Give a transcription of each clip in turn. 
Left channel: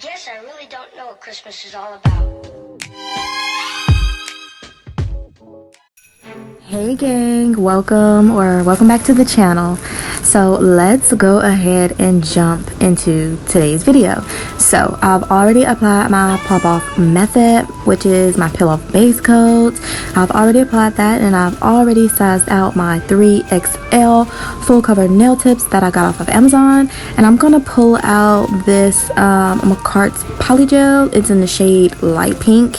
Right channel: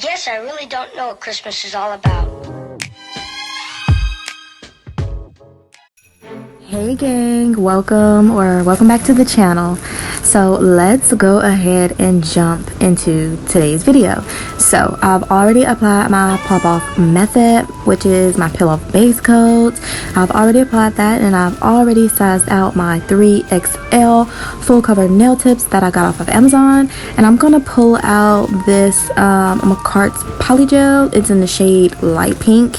Guess I really don't know what Christmas is all about. Hey gang, welcome back to the channel. So let's go ahead and jump into today's video. So I've already applied my pop off method, which is my peel off base coat. I've already applied that, and I've already sized out my 3XL full cover nail tips that I got off of Amazon. And I'm gonna pull out this McCart's Polygel. It's in the shade light pink,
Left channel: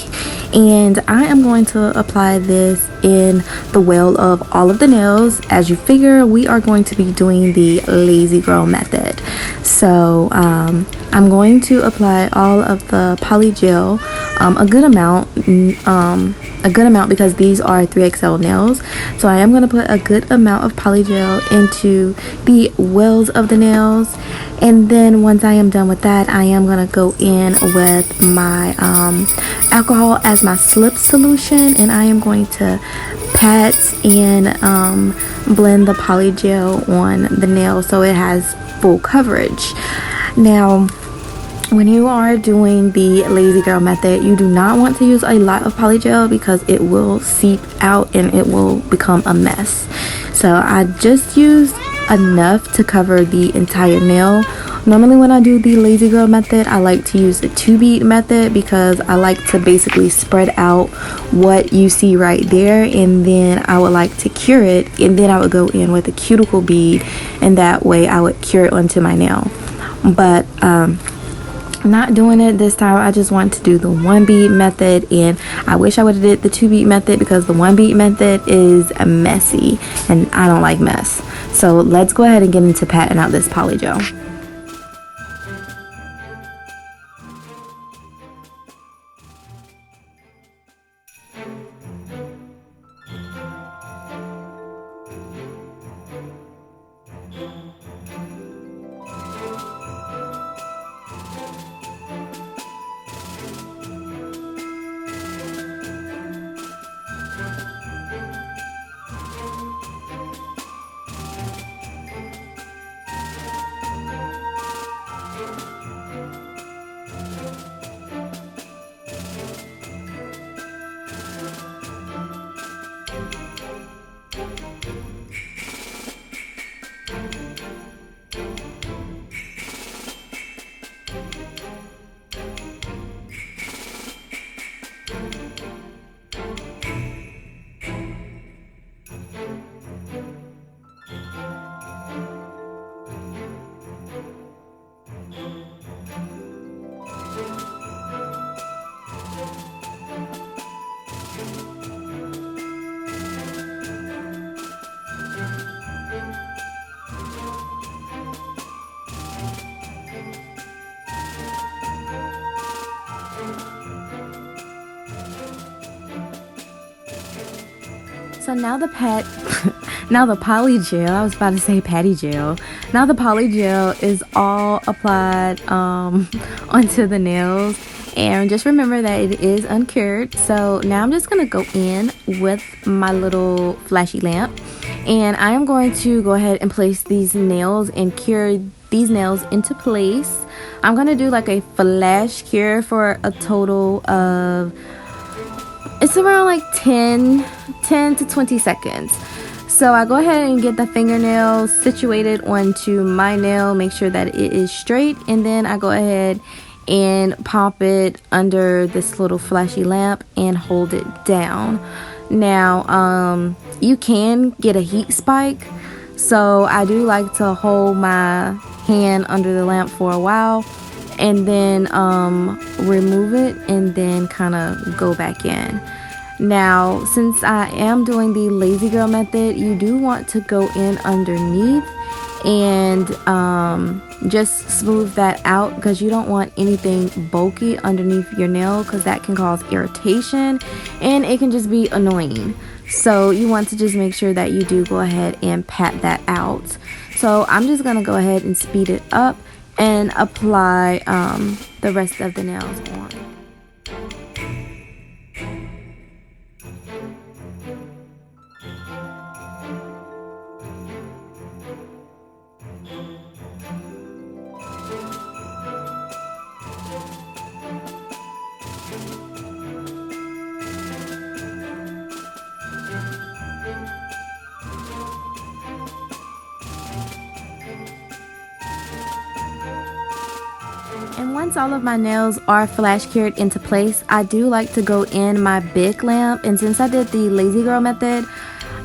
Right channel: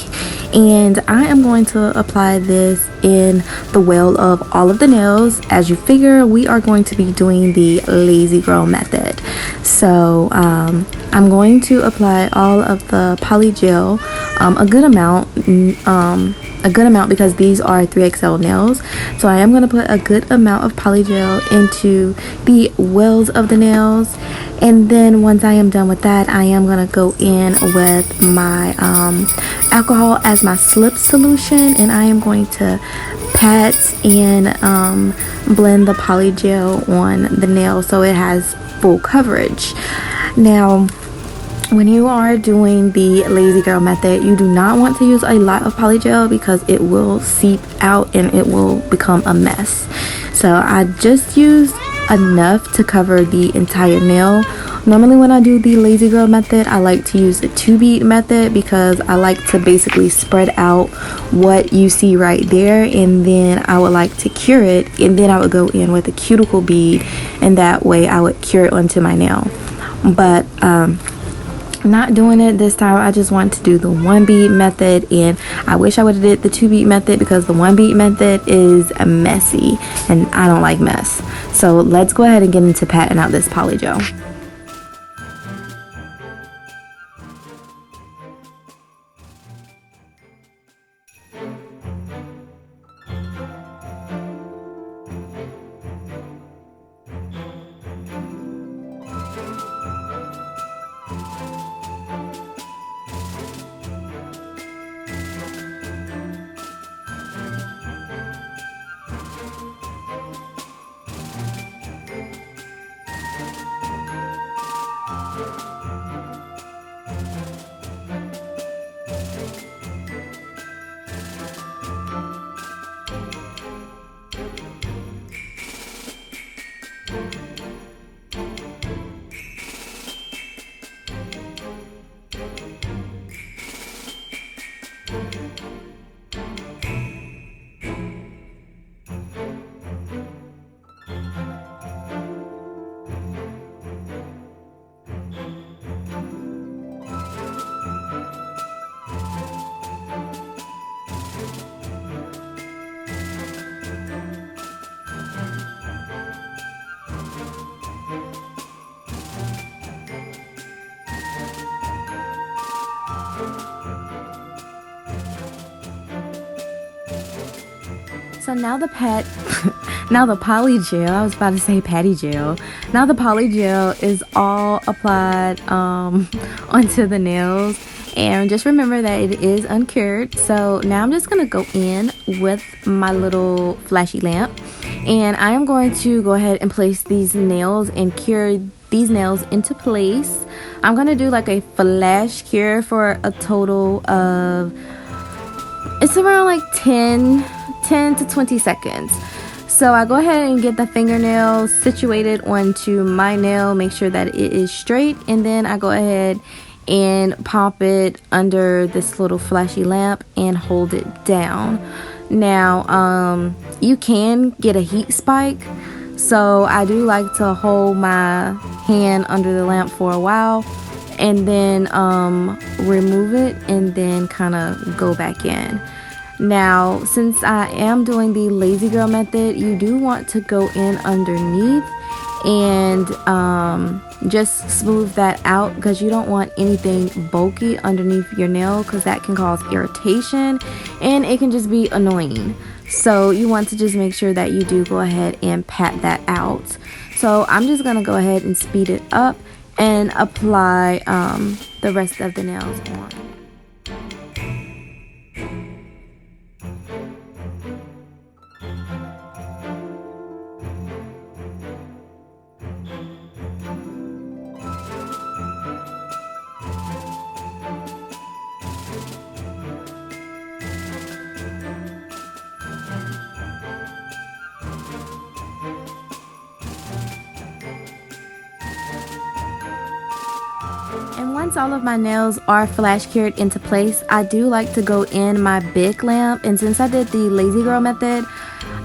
and I am going to apply this in the well of all of the nails. As you figure, we are going to be doing the lazy girl method. So I'm going to apply all of the polygel, a good amount because these are 3XL nails. So I am going to put a good amount of polygel into the wells of the nails, and then once I am done with that, I am going to go in with my alcohol as my slip solution, and I am going to pat and blend the polygel on the nail so it has full coverage. Now, when you are doing the lazy girl method, you do not want to use a lot of polygel because it will seep out and it will become a mess. So I just used enough to cover the entire nail. Normally when I do the lazy girl method, I like to use the 2-bead method because I like to basically spread out what you see right there, and then I would like to cure it, and then I would go in with a cuticle bead, and that way I would cure it onto my nail. But not doing it this time. I just want to do the 1-bead method, and I wish I would have did the 2-bead method because the 1-bead method is messy and I don't like mess. So let's go ahead and get into patting out this polygel. So now the polygel, I was about to say patty gel. Now the polygel is all applied onto the nails. And just remember that it is uncured. So now I'm just going to go in with my little flashy lamp. And I am going to go ahead and place these nails and cure these nails into place. I'm going to do like a flash cure for a total of, it's around like 10 to 20 seconds. So I go ahead and get the fingernail situated onto my nail, make sure that it is straight, and then I go ahead and pop it under this little flashy lamp and hold it down. Now you can get a heat spike, so I do like to hold my hand under the lamp for a while and then remove it and then kind of go back in. Now, since I am doing the lazy girl method, you do want to go in underneath and just smooth that out because you don't want anything bulky underneath your nail because that can cause irritation and it can just be annoying. So you want to just make sure that you do go ahead and pat that out. So I'm just going to go ahead and speed it up and apply the rest of the nails on. And once all of my nails are flash cured into place, I do like to go in my big lamp. And since I did the lazy girl method,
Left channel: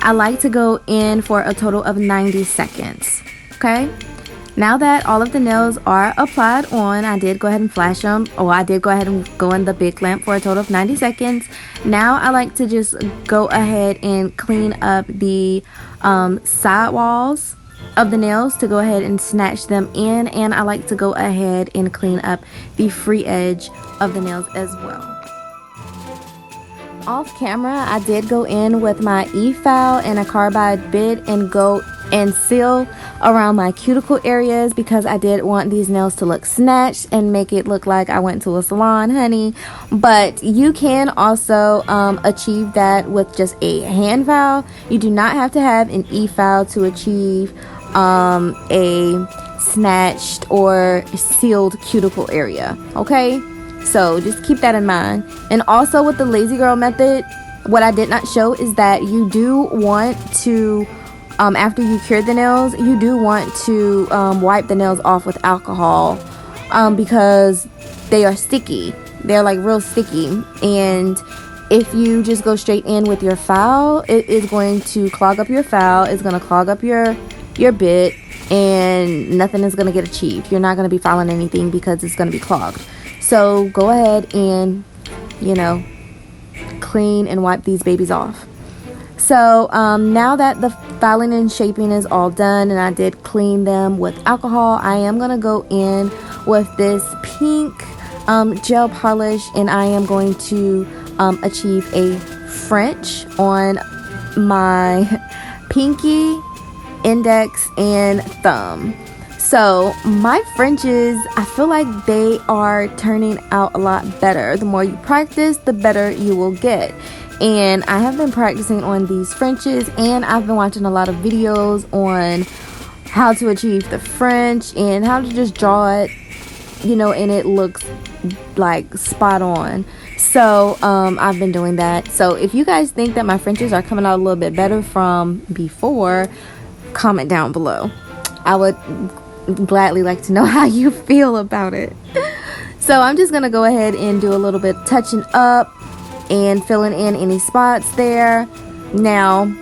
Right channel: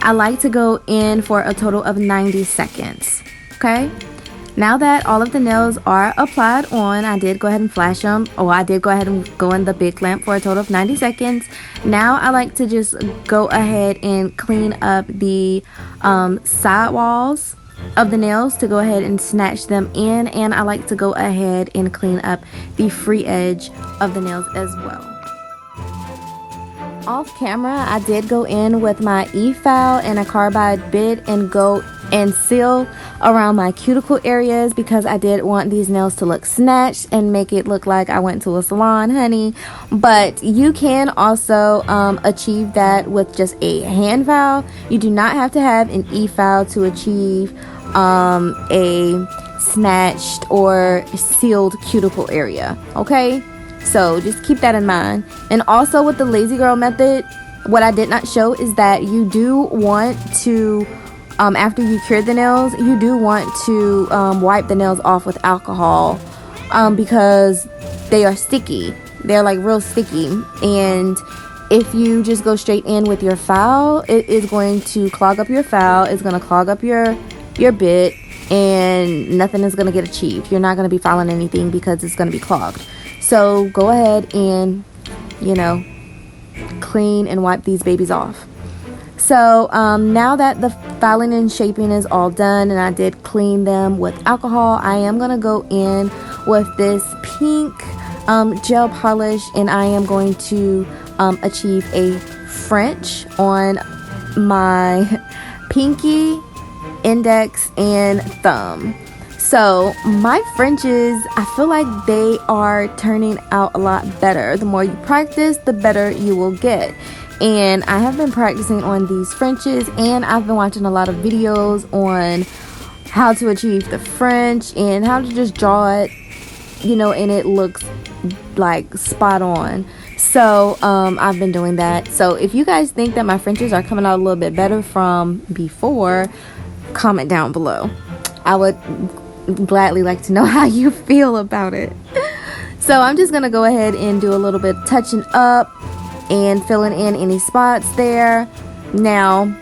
I like to go in for a total of 90 seconds. Okay? Now that all of the nails are applied on, I did go ahead and flash them, or I did go ahead and go in the big lamp for a total of 90 seconds. Now I like to just go ahead and clean up the side walls of the nails to go ahead and snatch them in, and I like to go ahead and clean up the free edge of the nails as well. Off camera, I did go in with my e-file and a carbide bit and go and seal around my cuticle areas because I did want these nails to look snatched and make it look like I went to a salon, honey. But you can also achieve that with just a hand file. You do not have to have an e-file to achieve a snatched or sealed cuticle area. Okay, so just keep that in mind. And also with the lazy girl method, what I did not show is that you do want to after you cure the nails, you do want to wipe the nails off with alcohol because they are sticky. They're like real sticky, and if you just go straight in with your file, it is going to clog up your file. It's going to clog up your bit, and nothing is going to get achieved. You're not going to be filing anything because it's going to be clogged. So go ahead and, you know, clean and wipe these babies off. So now that the filing and shaping is all done and I did clean them with alcohol, I am going to go in with this pink gel polish, and I am going to achieve a French on my pinky, index, and thumb. So my Frenches, I feel like they are turning out a lot better. The more you practice, the better you will get. And I have been practicing on these Frenches, and I've been watching a lot of videos on how to achieve the French and how to just draw it, you know, and it looks like spot on. So I've been doing that. So if you guys think that my Frenches are coming out a little bit better from before, comment down below. I would gladly like to know how you feel about it. So I'm just gonna go ahead and do a little bit touching up and filling in any spots there. Now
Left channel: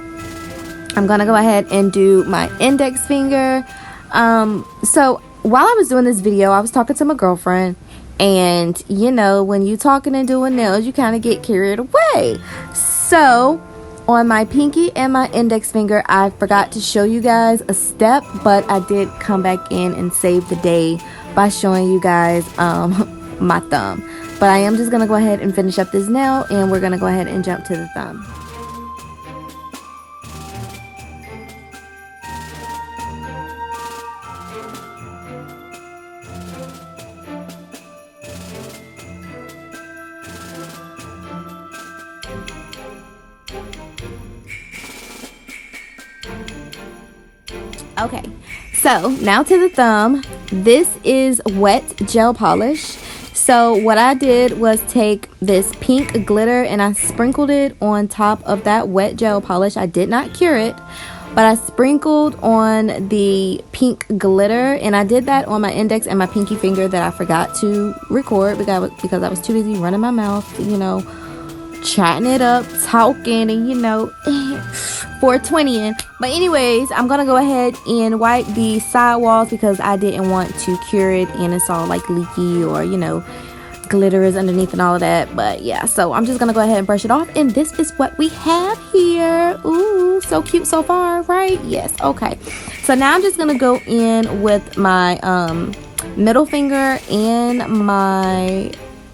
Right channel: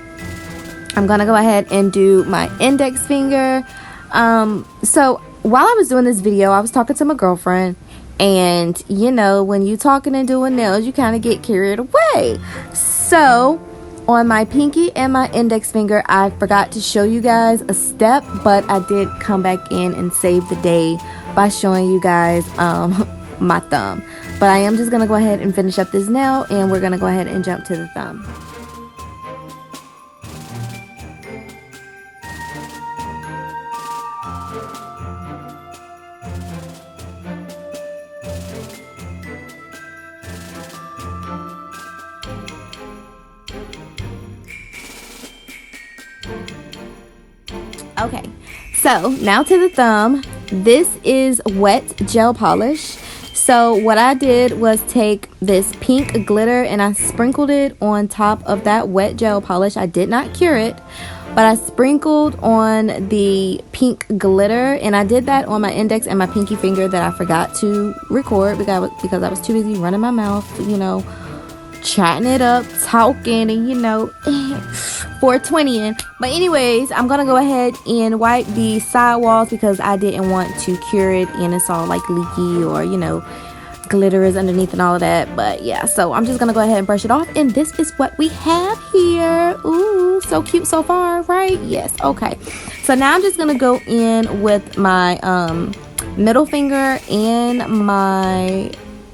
I'm gonna go ahead and do my index finger. So while I was doing this video, I was talking to my girlfriend, and you know, when you talking and doing nails, you kind of get carried away. So on my pinky and my index finger, I forgot to show you guys a step, but I did come back in and save the day by showing you guys my thumb. But I am just going to go ahead and finish up this nail, and we're going to go ahead and jump to the thumb. Okay, so now to the thumb. This is wet gel polish. So what I did was take this pink glitter and I sprinkled it on top of that wet gel polish. I did not cure it, but I sprinkled on the pink glitter, and I did that on my index and my pinky finger that I forgot to record because I was too busy running my mouth, you know, chatting it up, talking, and you know, 420ing. But anyways, I'm gonna go ahead and wipe the side walls because I didn't want to cure it and it's all like leaky, or you know, glitter is underneath and all of that. But yeah, so I'm just gonna go ahead and brush it off, and this is what we have here. Ooh, so cute so far, right? Yes. Okay, so now I'm just gonna go in with my middle finger and my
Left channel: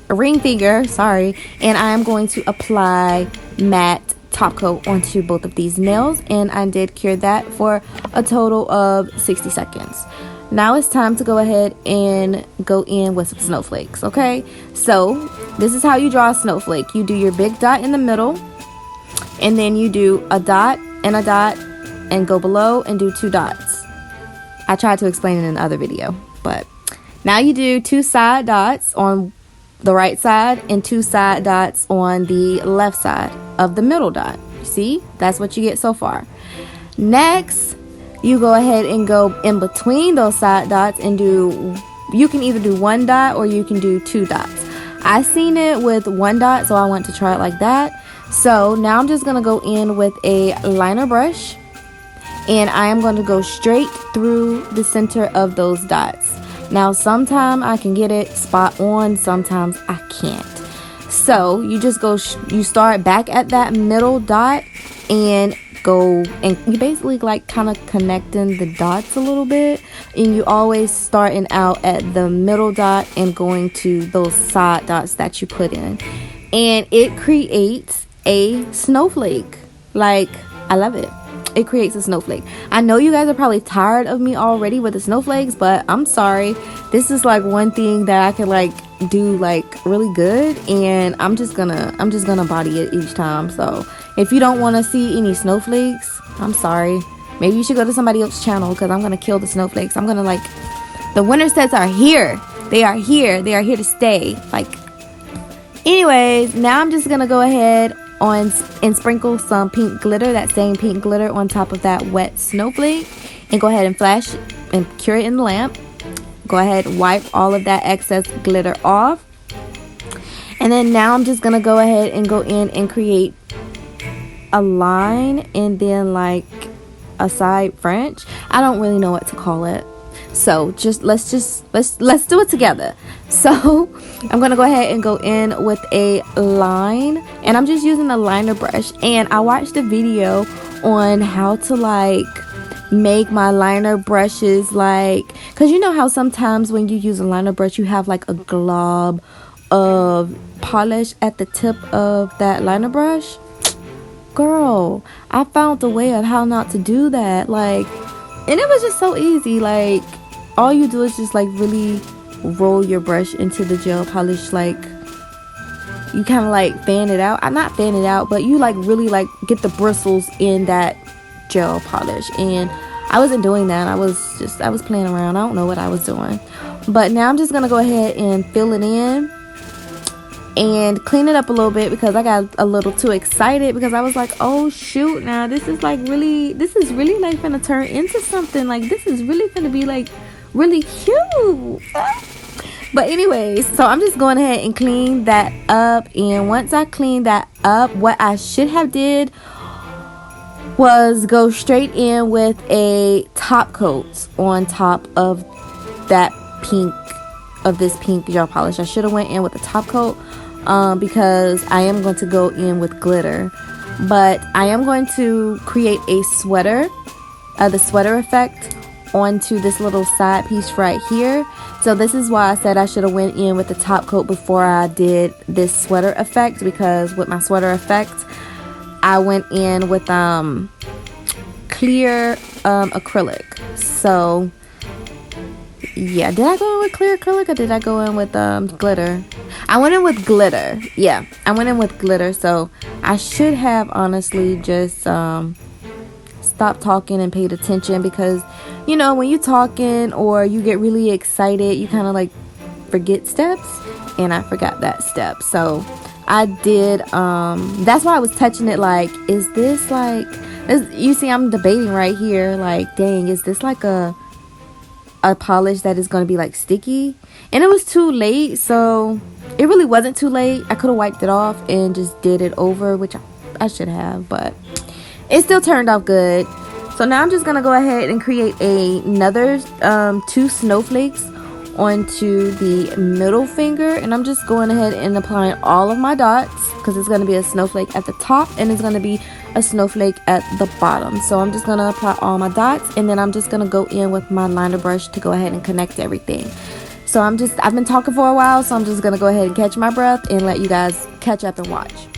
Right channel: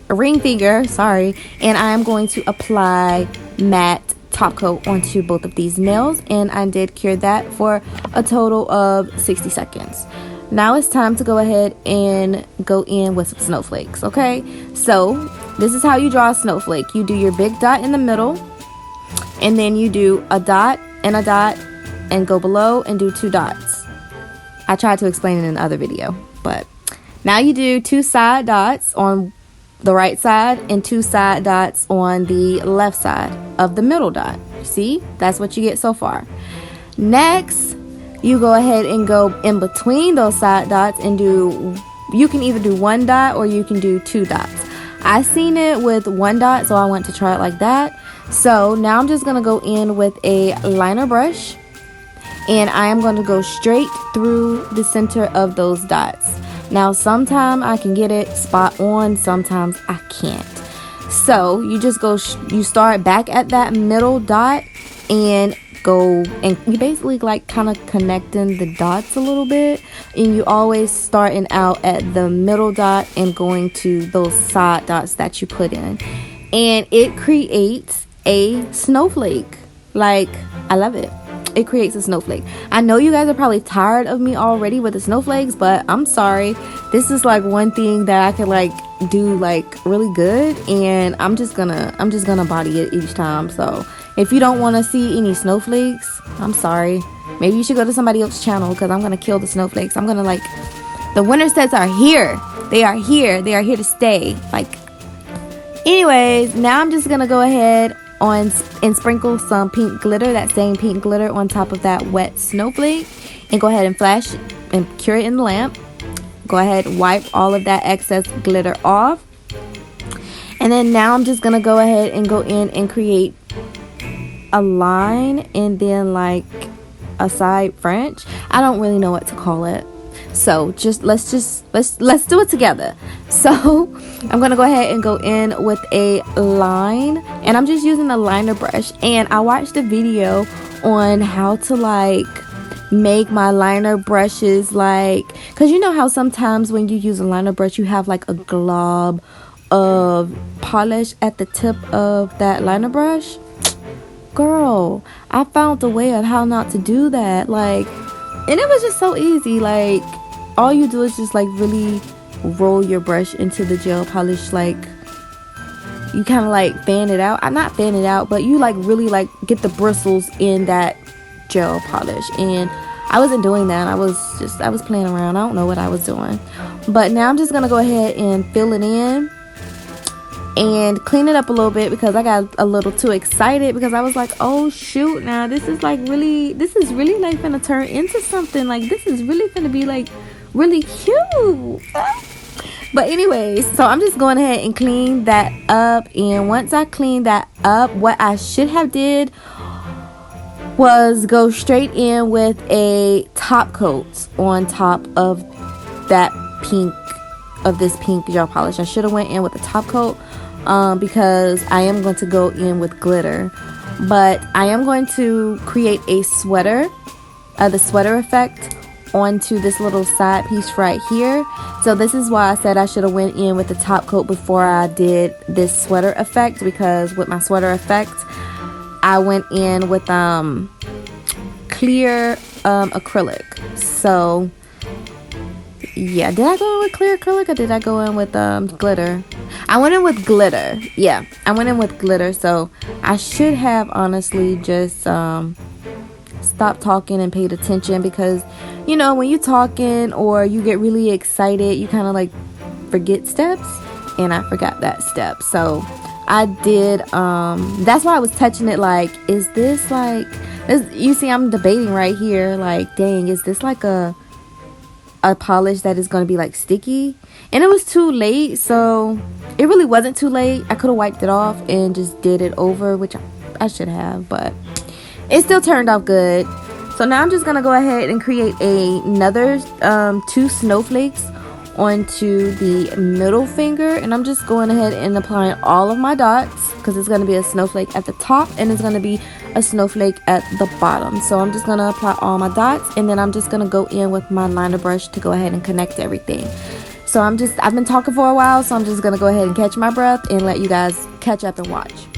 ring finger, sorry, and I'm going to apply matte top coat onto both of these nails, and I did cure that for a total of 60 seconds. Now it's time to go ahead and go in with some snowflakes. Okay, so this is how you draw a snowflake. You do your big dot in the middle, and then you do a dot and go below and do 2 dots. I tried to explain it in the other video, but now you do 2 side dots on the right side and 2 side dots on the left side of the middle dot. You see, that's what you get so far. Next, you go ahead and go in between those side dots and do you can either do 1 dot or you can do 2 dots. I seen it with 1 dot, so I want to try it like that. So now I'm just gonna go in with a liner brush, and I am going to go straight through the center of those dots. Now sometimes I can get it spot on, sometimes I can't. So you just go, you start back at that middle dot and go, and you basically like kind of connecting the dots a little bit, and you always starting out at the middle dot and going to those side dots that you put in, and it creates a snowflake. Like, I love it. It creates a snowflake. I know you guys are probably tired of me already with the snowflakes, but I'm sorry. This is like one thing that I could like do like really good, and I'm just gonna body it each time. So if you don't want to see any snowflakes, I'm sorry. Maybe you should go to somebody else's channel, because I'm gonna kill the snowflakes. I'm gonna like, the winter sets are here. They are here. They are here to stay. Like, anyways, now I'm just gonna go ahead on and sprinkle some pink glitter, that same pink glitter, on top of that wet snowflake, and go ahead and flash and cure it in the lamp. Go ahead and wipe all of that excess glitter off, and then now I'm just gonna go ahead and go in and create a line and then like a side French. I don't really know what to call it, so let's do it together. So I'm gonna go ahead and go in with a line, and I'm just using a liner brush, and I watched a video on how to like make my liner brushes, like, because you know how sometimes when you use a liner brush you have like a glob of polish at the tip of that liner brush. Girl, I found a way of how not to do that, like, and it was just so easy. Like, all you do is just like really roll your brush into the gel polish, like you kind of like fan it out. I'm not fan it out, but you like really like get the bristles in that gel polish, and I wasn't doing that. I was playing around. I don't know what I was doing, but now I'm just gonna go ahead and fill it in and clean it up a little bit, because I got a little too excited, because I was like, oh shoot, now this is really like gonna turn into something. Like, this is really gonna be like really cute. But anyways, so I'm just going ahead and clean that up, and once I clean that up, what I should have did was go straight in with a top coat on top of that pink, of this pink gel polish. I should have went in with a top coat, because I am going to go in with glitter, but I am going to create a sweater, the sweater effect onto this little side piece right here. So this is why I said I should have went in with the top coat before I did this sweater effect, because with my sweater effect I went in with clear acrylic. So yeah, did I go in with clear acrylic or did I go in with glitter? I went in with glitter. Yeah, I went in with glitter. So I should have honestly just stopped talking and paid attention, because you know, when you're talking or you get really excited, you kind of like forget steps, and I forgot that step. So I did, that's why I was touching it like, is this like, you see I'm debating right here, like, dang, is this like a polish that is going to be like sticky? And it was too late, so it really wasn't too late. I could have wiped it off and just did it over, which I should have, but it still turned out good. So now I'm just going to go ahead and create another 2 snowflakes onto the middle finger, and I'm just going ahead and applying all of my dots, because it's going to be a snowflake at the top and it's going to be a snowflake at the bottom. So I'm just going to apply all my dots, and then I'm just going to go in with my liner brush to go ahead and connect everything. So I've been talking for a while, so I'm just going to go ahead and catch my breath and let you guys catch up and watch.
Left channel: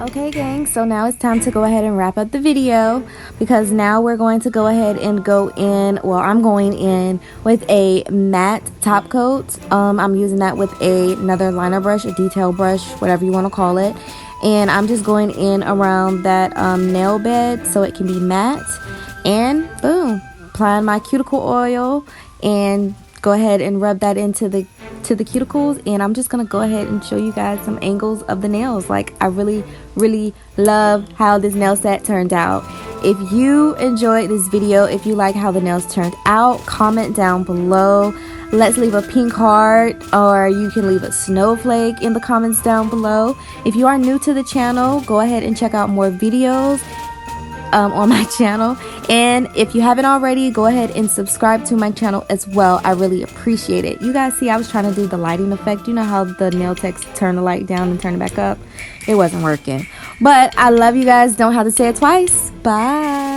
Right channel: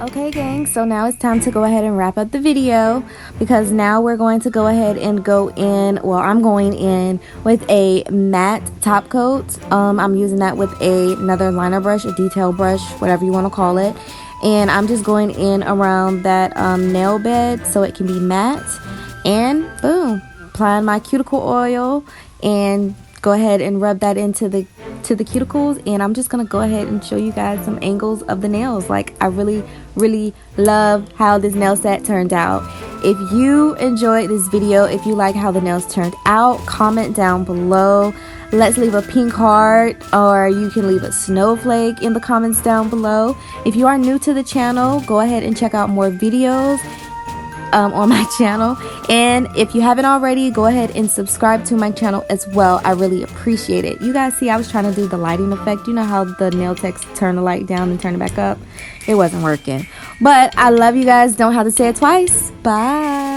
Okay, gang, so now it's time to go ahead and wrap up the video, because now we're going to go ahead and go in, well, I'm going in with a matte top coat. I'm using that with another liner brush, a detail brush, whatever you want to call it, and I'm just going in around that nail bed so it can be matte, and boom, applying my cuticle oil and go ahead and rub that into the cuticles. And I'm just gonna go ahead and show you guys some angles of the nails. Like, I really love how this nail set turned out. If you enjoyed this video, if you like how the nails turned out, comment down below. Let's leave a pink heart, or you can leave a snowflake in the comments down below. If you are new to the channel, go ahead and check out more videos on my channel, and if you haven't already, go ahead and subscribe to my channel as well. I really appreciate it. You guys see, I was trying to do the lighting effect. You know how the nail techs turn the light down and turn it back up? It wasn't working, but I love you guys. Don't have to say it twice. Bye.